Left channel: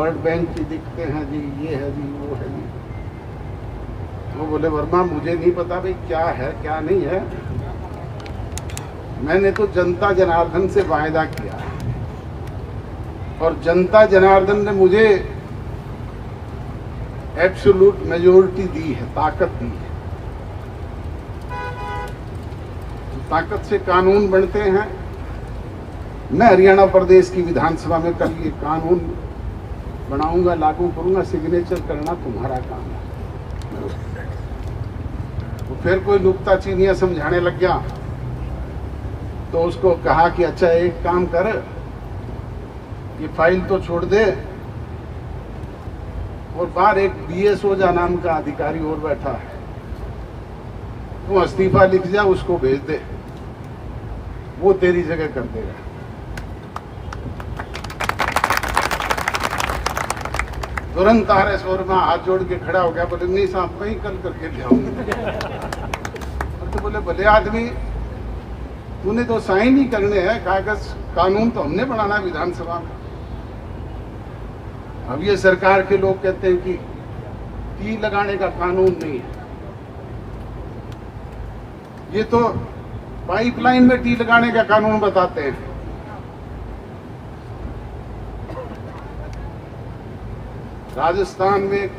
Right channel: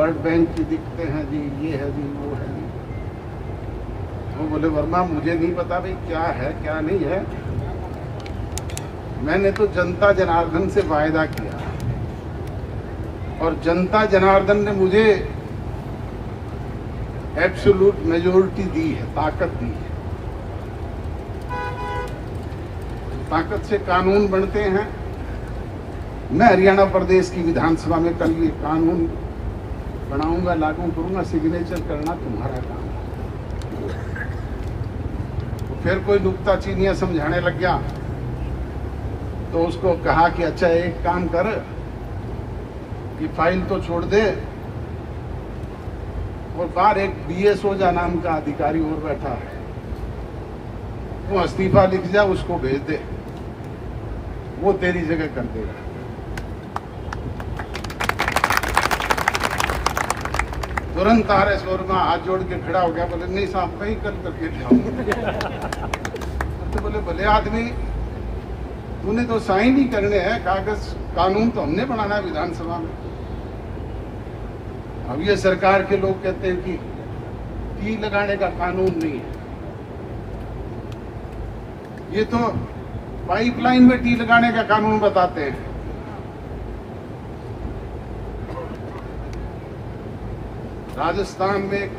World bank की दिखते हैं जी, ये है जी, वो है जी। वो बोले वर्मा मुझे नहीं पता भाई क्या है क्या नहीं है, मैंने तो जनता जनार्दन से वायदा किया और जनता जनार्दन ने मुझे एब्सोल्यूट मेजोरिटी दी है, ताकत दी है। ताकत से कानून बनते हैं। मैं हरियाणा प्रदेश की विधानसभा में कल ये कानून बनाऊंगा, लागू करूंगा, सिग्नेचर करना तुम्हारा काम है। तो फिर कोई नुक्ताचीनियां समझाने लग गया तो उसको कहा कि अच्छा एक काम कर, ये फाइल तो छोड़ दे और बाहर एक BS ओझा नाम का अधिकारी और बैठा है, तू इस्तीफा लिख जा, उसको भेज दे, वो तेरी जगह कर देगा। तुरंत RS वर्मा हाथ जोड़ के खड़ा हो गया, बोले नहीं साहब कहीं कल करके जाऊंगा। तो बोले भले आदमी, तूने तो साइन ही करने हैं, कागज कानून तो हमने बनाना है विधानसभा में। अब ये सरकार के लोग कहते हैं कि टी लगाने का कानून नहीं है, ये तो पाइपलाइन में टी लगाने का कानून बताते हैं। राजस्थान में एक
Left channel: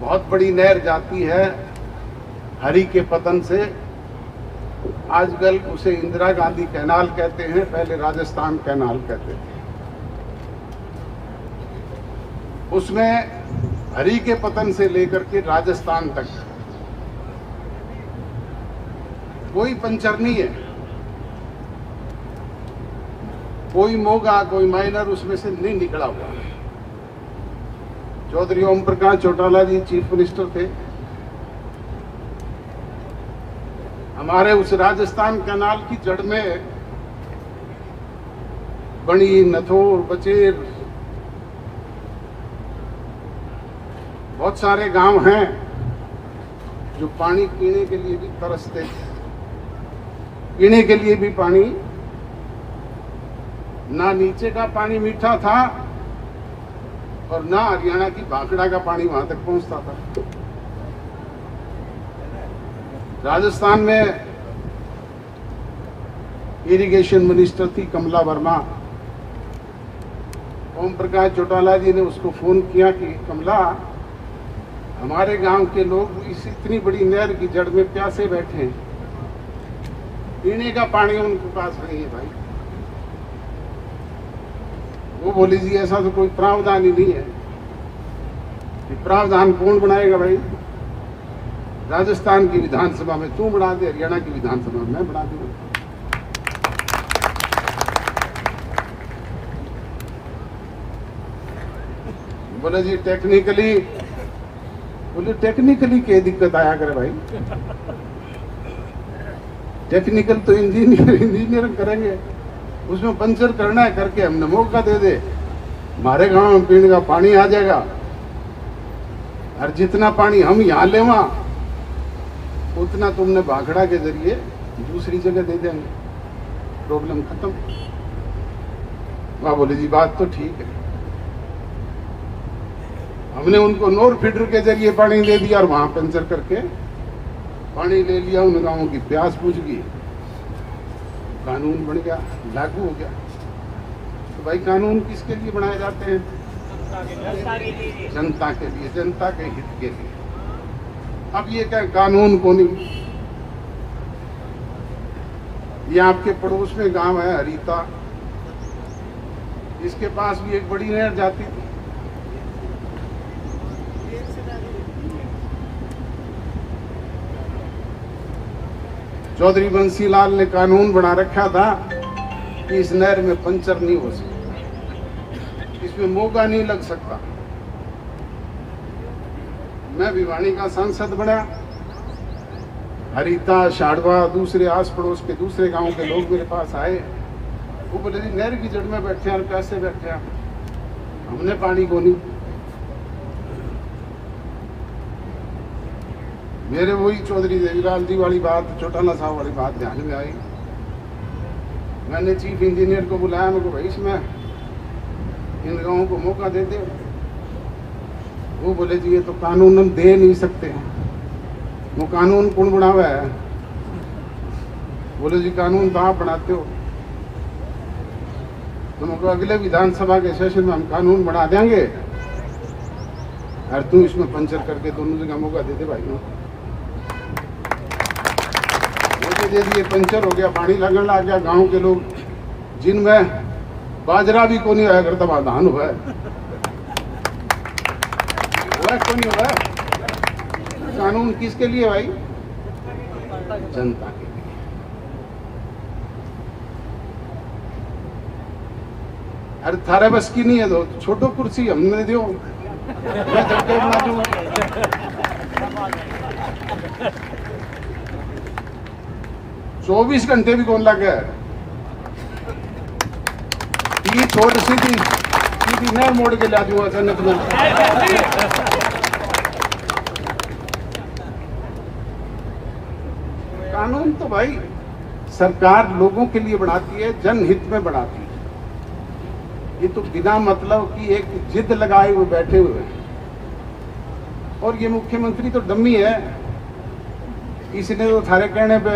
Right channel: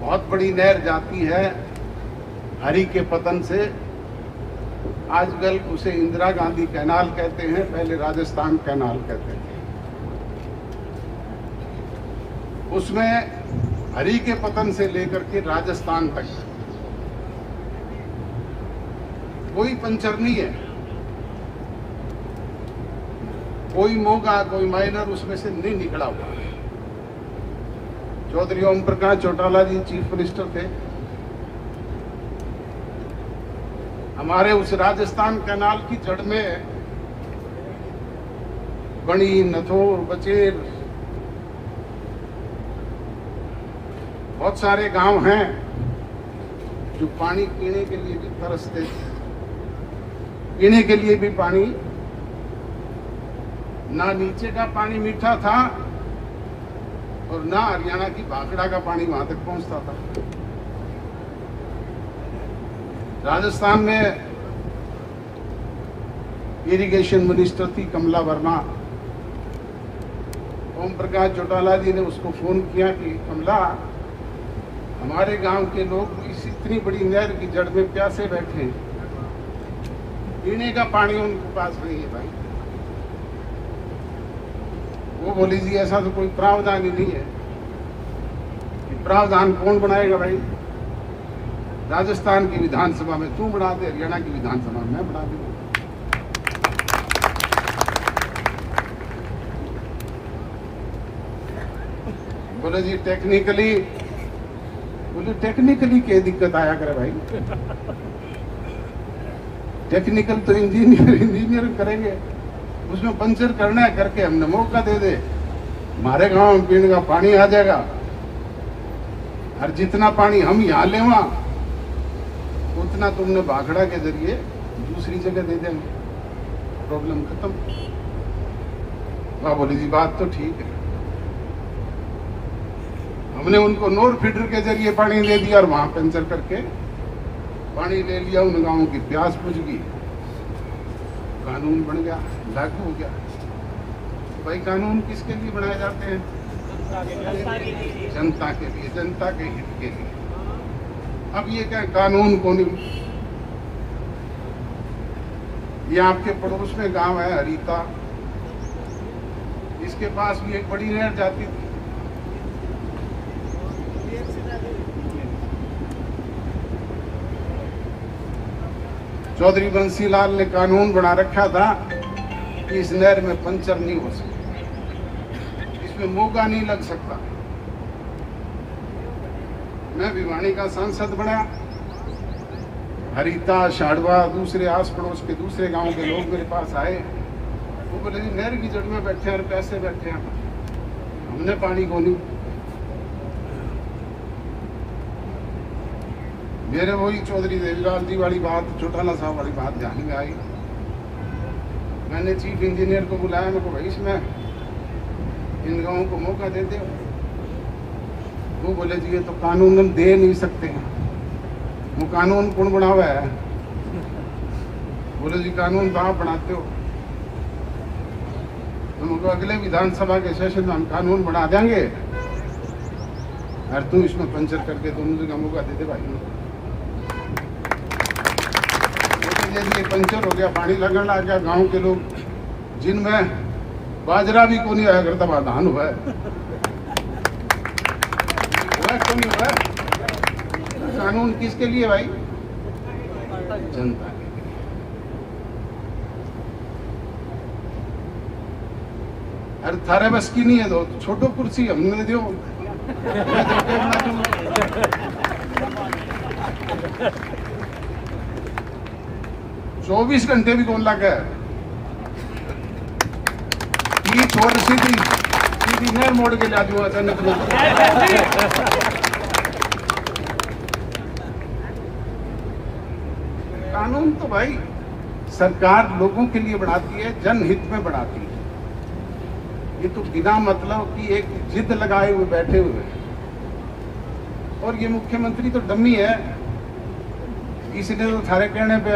बहुत बड़ी नहर जाती है हरि के पतन से, आजकल उसे इंदिरा गांधी कैनाल कहते हैं, पहले राजस्थान कैनाल कहते थे। उसमें हरि के पतन से लेकर के राजस्थान तक कोई पंचर नहीं है, कोई मोगा कोई माइनर उसमें से नहीं निकला हुआ। चौधरी ओम प्रकाश चौटाला जी चीफ मिनिस्टर थे, हमारे उस राजस्थान कैनाल की जड़ में बड़ी, नथोर, बचेर, बहुत सारे गांव हैं जो पानी पीने के लिए भी तरसते थे। पीने के लिए भी पानी, ना नीचे का पानी मीठा था और ना हरियाणा की भाखड़ा का पानी वहां तक पहुंचता था। राजस्थान में इरिगेशन मिनिस्टर थी कमला वर्मा। ओम प्रकाश चौटाला जी ने उसको फोन किया कि कमला, हमारे गांव के लोग इस इतनी बड़ी नहर की जड़ में प्यासे बैठे हैं, पीने का पानी उनके पास नहीं है भाई। वो बोली जी ऐसा तो कोई प्रावधान ही नहीं है। प्रावधान कौन बनाएगा भाई? राजस्थान की विधानसभा में तू बना दे, हरियाणा की विधानसभा में मैं बना दूंगा। बोले जी टेक्निकली, बोले टेक्निकली क्या दिक्कत आया करे भाई? टेक्निकल तो इंजीनियर करेंगे, उसमें पंचर करना है करके हमने मौका दे दे, हमारे गांव में पीने का पानी आ जाएगा और जितना पानी हम यहाँ लेवा उतना तुमने भाखड़ा के जरिए दूसरी जगह दे देंगे, प्रॉब्लम खत्म। वहां बोले जी बात तो ठीक है। हमने उनको नोर फीडर के जरिए पानी दे दिया और वहां पंचर करके पानी ले लिया, उन गांवों की प्यास बुझ गई, कानून बन गया, लागू हो गया। तो भाई कानून किसके लिए बनाए जाते हैं? जनता के लिए, जनता के हित के लिए। अब ये क्या कानून को नहीं, ये आपके पड़ोस में गांव है हरीता, इसके पास भी एक बड़ी नहर जाती थी। चौधरी बंसीलाल ने कानून बना रखा था कि इस नहर में पंचर नहीं हो सकता, इसमें मोगा नहीं लग सकता। मैं भिवानी का सांसद बना, हरीता, शाड़वा, दूसरे आस पड़ोस के दूसरे गांव के लोग मेरे पास आए, वो बोले जी नहर की जड़ में बैठे हैं और कैसे बैठे हैं, हमने पानी को नहीं। मेरे वही चौधरी देवीलाल जी वाली बात, चौटाला साहब वाली बात ध्यान में आई। मैंने चीफ इंजीनियर को बुलाया, मेरे को भाई इसमें इन गांवों को मौका दे दो। वो बोले जी ये तो कानून हम दे नहीं सकते, वो कानून कौन बनावा है? बोले जी कानून तो आप बनाते हो। तुमको अगले विधानसभा के सेशन में हम कानून बना देंगे और तू इसमें पंचर करके दोनों जगह मौका दे दे भाई। दे दिए, पंचर हो गया, पानी लगने लग गया। गांव के लोग जिनमें बाजरा भी को नहीं आया करता वहां धान हुआ है, को नहीं हुआ है। कानून किसके लिए भाई? जनता के लिए। अरे थारे बस की नहीं है तो छोटो कुर्सी हमने दो। 24 घंटे भी कौन लगे? ये छोड़ सीधी नहर मोड़ के ला दूंगा अचानक में। कानून तो भाई सरकार लोगों के लिए बनाती है, जनहित में बनाती है। ये तो बिना मतलब की एक जिद लगाए हुए बैठे हुए हैं। और ये मुख्यमंत्री तो डम्मी है, इसने तो थारे कहने पे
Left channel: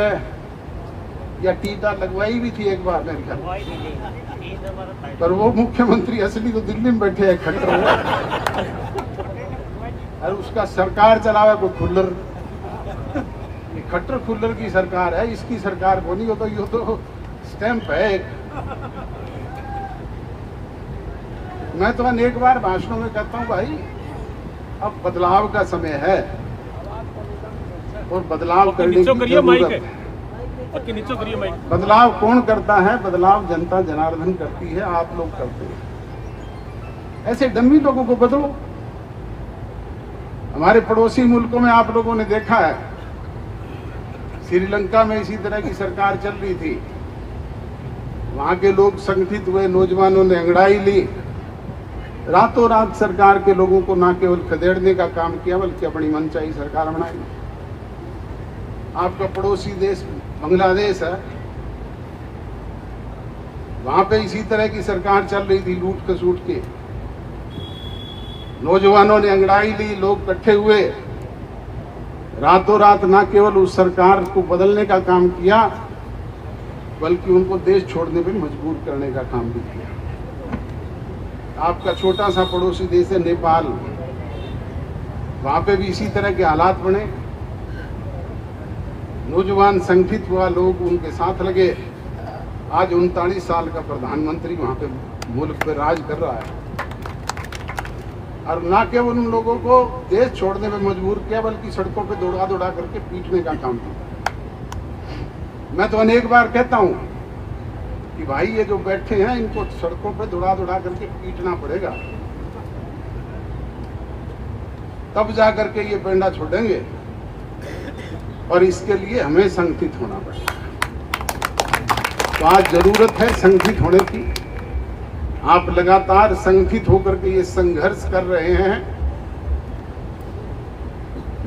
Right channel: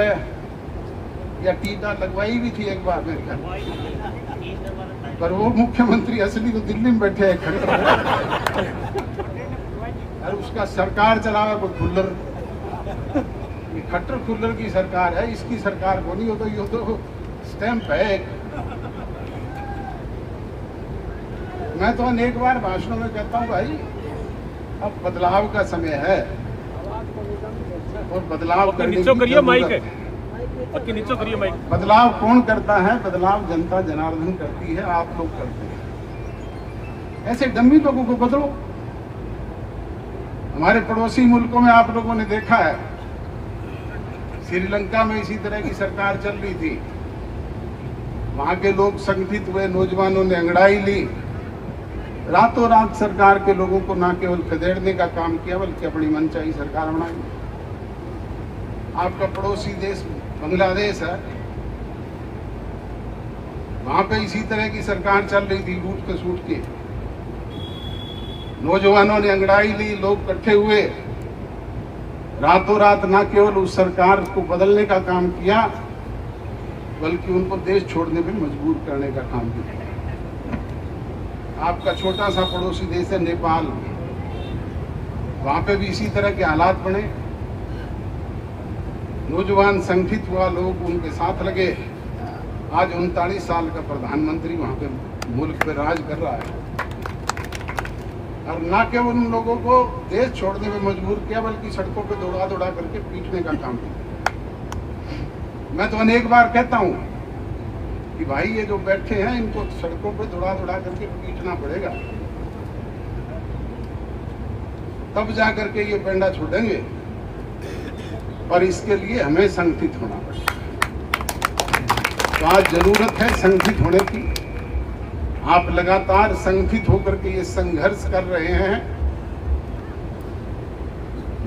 या टीका लगवाई भी थी एक बार मेरे ख्याल, पर वो मुख्यमंत्री असली तो दिल्ली में बैठे हैं खट्टर, और उसका सरकार चलावे कोई खुल्लर। खट्टर खुल्लर की सरकार है, इसकी सरकार को नहीं हो तो ये तो स्टैंप है। मैं तो एक बार भाषणों में कहता हूं भाई अब बदलाव का समय है और बदलाव करने की जरूरत है। बदलाव कौन करता है? बदलाव जनता जनार्दन करती है, आप लोग करते हैं। ऐसे डम्मी लोगों को बदलो। हमारे पड़ोसी मुल्कों में आप लोगों ने देखा है, श्रीलंका में इसी तरह की सरकार चल रही थी। वहां के लोग संगठित हुए, नौजवानों ने अंगड़ाई ली, रातों रात सरकार के लोगों को ना केवल खदेड़ने का काम किया बल्कि अपनी मनचाही सरकार बनाई। आपका पड़ोसी देश बांग्लादेश है, वहां पे इसी तरह की सरकार चल रही थी, लूट खसूट के। नौजवानों ने अंगड़ाई ली, लोग इकट्ठे हुए, रातों रात ना केवल उस सरकार को बदलने का काम किया बल्कि उनको देश छोड़ने में मजबूर करने का काम भी किया। आपका छोटा सा पड़ोसी देश है नेपाल, वहां पे भी इसी तरह के हालात बने। नौजवान संगठित हुआ, लोग उनके साथ लगे। आज 39 साल का प्रधानमंत्री वहां पे मुल्क पे राज कर रहा है, और ना केवल उन लोगों को देश छोड़ने में मजबूर किया बल्कि सड़कों पे दौड़ा दौड़ा करके पीटने का काम किया। मैं तो अनेक बार कहता हूं कि भाई ये जो बैठे हैं इनको सड़कों पे दौड़ा दौड़ा करके पीटना पड़ेगा, तब जा करके ये पेंडा छोड़ेंगे। और इसके लिए हमें संगठित होना पड़ेगा। तो आज जरूरत है संगठित होने की। आप लगातार संगठित होकर के ये संघर्ष कर रहे हैं।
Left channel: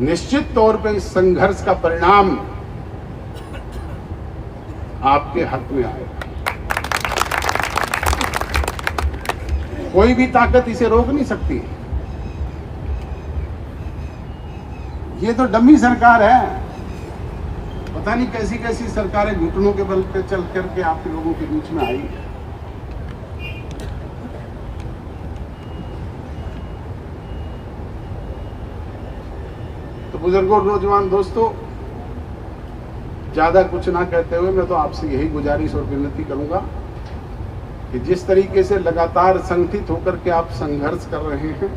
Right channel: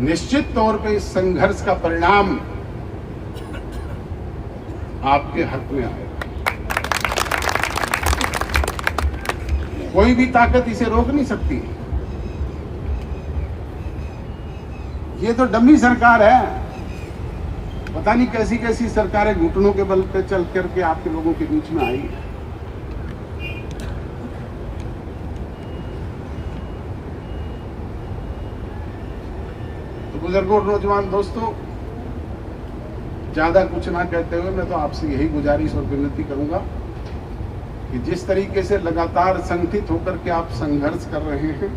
निश्चित तौर पे इस संघर्ष का परिणाम आपके हक में आएगा। कोई भी ताकत इसे रोक नहीं सकती। ये तो डम्मी सरकार है। पता नहीं कैसी कैसी सरकारें घुटनों के बल पे चल करके आपके लोगों के बीच में आई। तो बुजुर्गों और नौजवान दोस्तों, ज्यादा कुछ ना कहते हुए मैं तो आपसे यही गुजारिश और विनती करूंगा कि जिस तरीके से लगातार संगठित होकर के आप संघर्ष कर रहे हैं,